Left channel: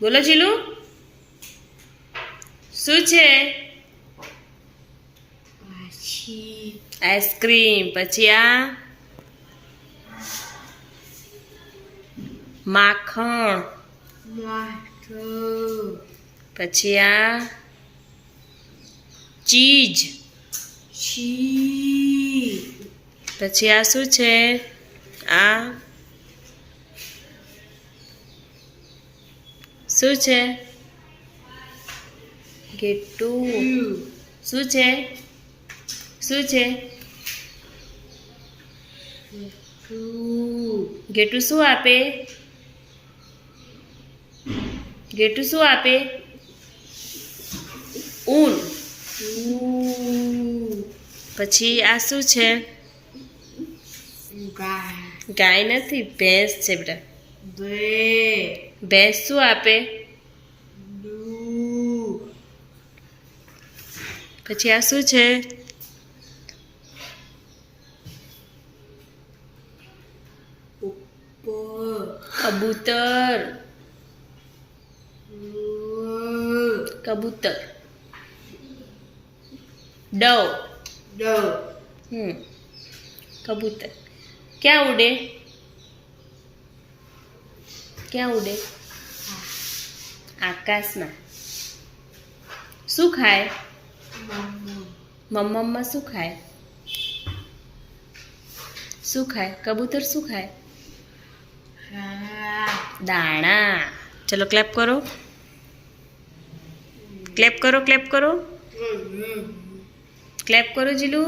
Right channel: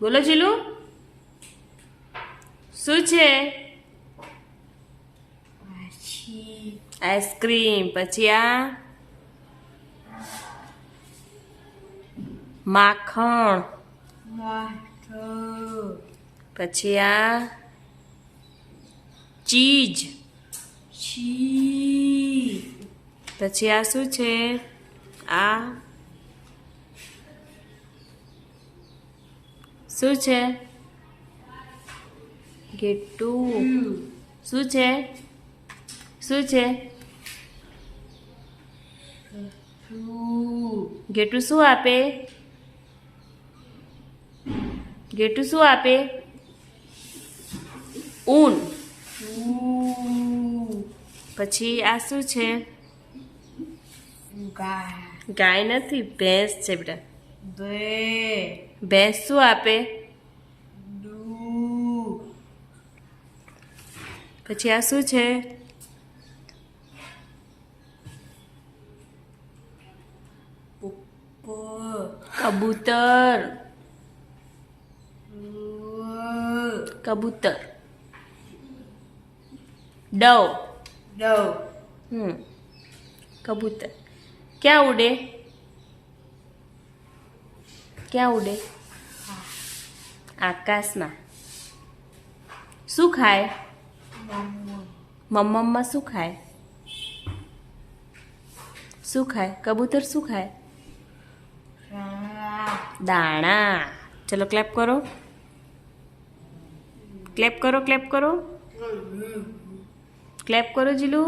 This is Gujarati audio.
બોલો જીલુ શું છે આઈસ્ક્રીમ પછી આ માખણ પછી આ ચીઝ પછી આ શું છે આ શું છે ગેટું શું છે શું છે ગેટું શું આપે ગેટું શું આપે ઊન પછી આ શું છે ગાય નથી ભેંસ છે બેટા ભેંસ શું આપે પછી આ શું છે કબૂતર કબૂતર ડવ કબૂતર ક્યાં ઉડે ક્યાં ઉડે આકાશમાં શું ખાય મમ્મા શું ખાય શું ખાય કબૂતર શું ખાય દાણા ચલો ક્લેપ કરો ક્લેપ કરો ક્લેપ કરો ક્લેપ કરો જીલુ